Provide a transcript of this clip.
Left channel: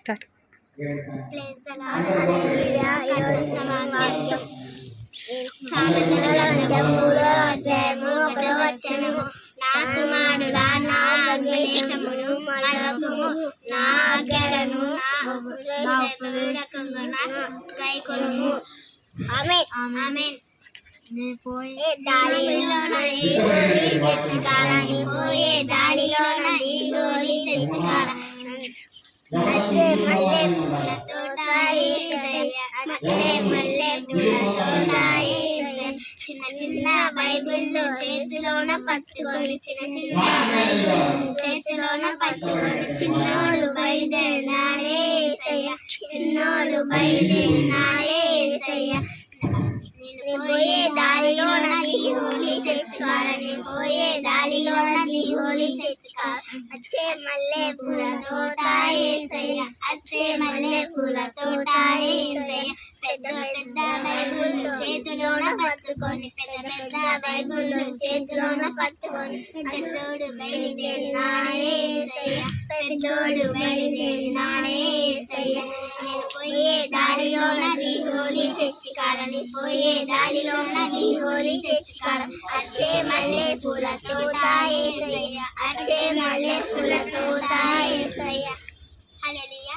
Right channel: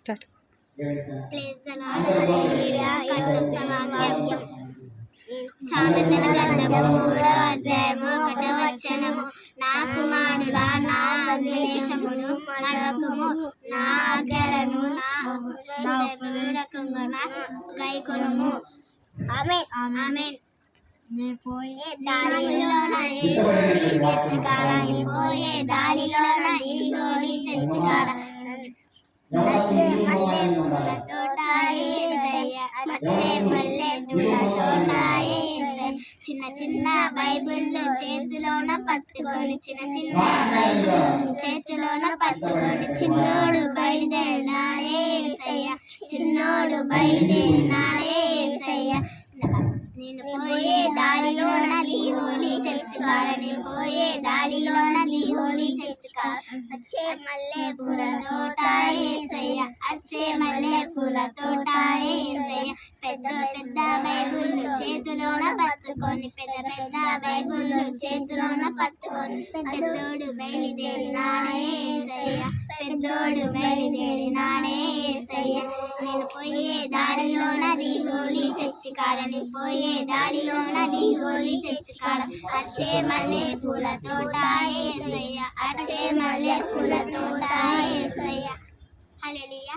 Start. సామెతల గ్రంథము 3వ అధ్యాయము 1వ వచనము. నా కుమారుడా, నా ఆజ్ఞాదేశమును మడవకుము, నా ఆజ్ఞలను గైకొనుము. ఆమేన్. ఆమేన్. పోయే దారిలోన ఈ గోలి తెచ్చుకాడ వచ్చే మల్లె పూల తోట యేసయ్య, వచ్చే మల్లె పూల తోట యేసయ్య. చిన్న చిన్న బైబిళ్ళు చేతిలోన పట్టుకొని, చిన్న చిన్న బైబిళ్ళు చేతిలోన పట్టుకొని చిన్నోడు బయలుదేరినాడే యేసయ్య, చిన్నోడు బయలుదేరినాడే యేసయ్య. నేను పోయే దారిలోన దిగోలి తెచ్చుకాడ, నేను పోయే దారిలోన దిగోలి తెచ్చుకాడ. వచ్చే మల్లె పూల తోట యేసయ్య, వచ్చే మల్లె పూల తోట యేసయ్య. పెద్ద పెద్ద బైబిళ్ళు చేతిలోన పట్టుకొని, పెద్ద పెద్ద బైబిళ్ళు చేతిలోన పట్టుకొని పెద్దోడు బయలుదేరినాడే యేసయ్య, పెద్దోడు బయలుదేరినాడే యేసయ్య. నేను పోయే దారిలోన దిగోలి తెచ్చుకాడ, నేను పోయే దారిలోన దిగోలి తెచ్చుకాడ. వచ్చే మల్లె పూల తోట యేసయ్య, వచ్చే మల్లె పూల తోట యేసయ్య. హల్లెలూయా.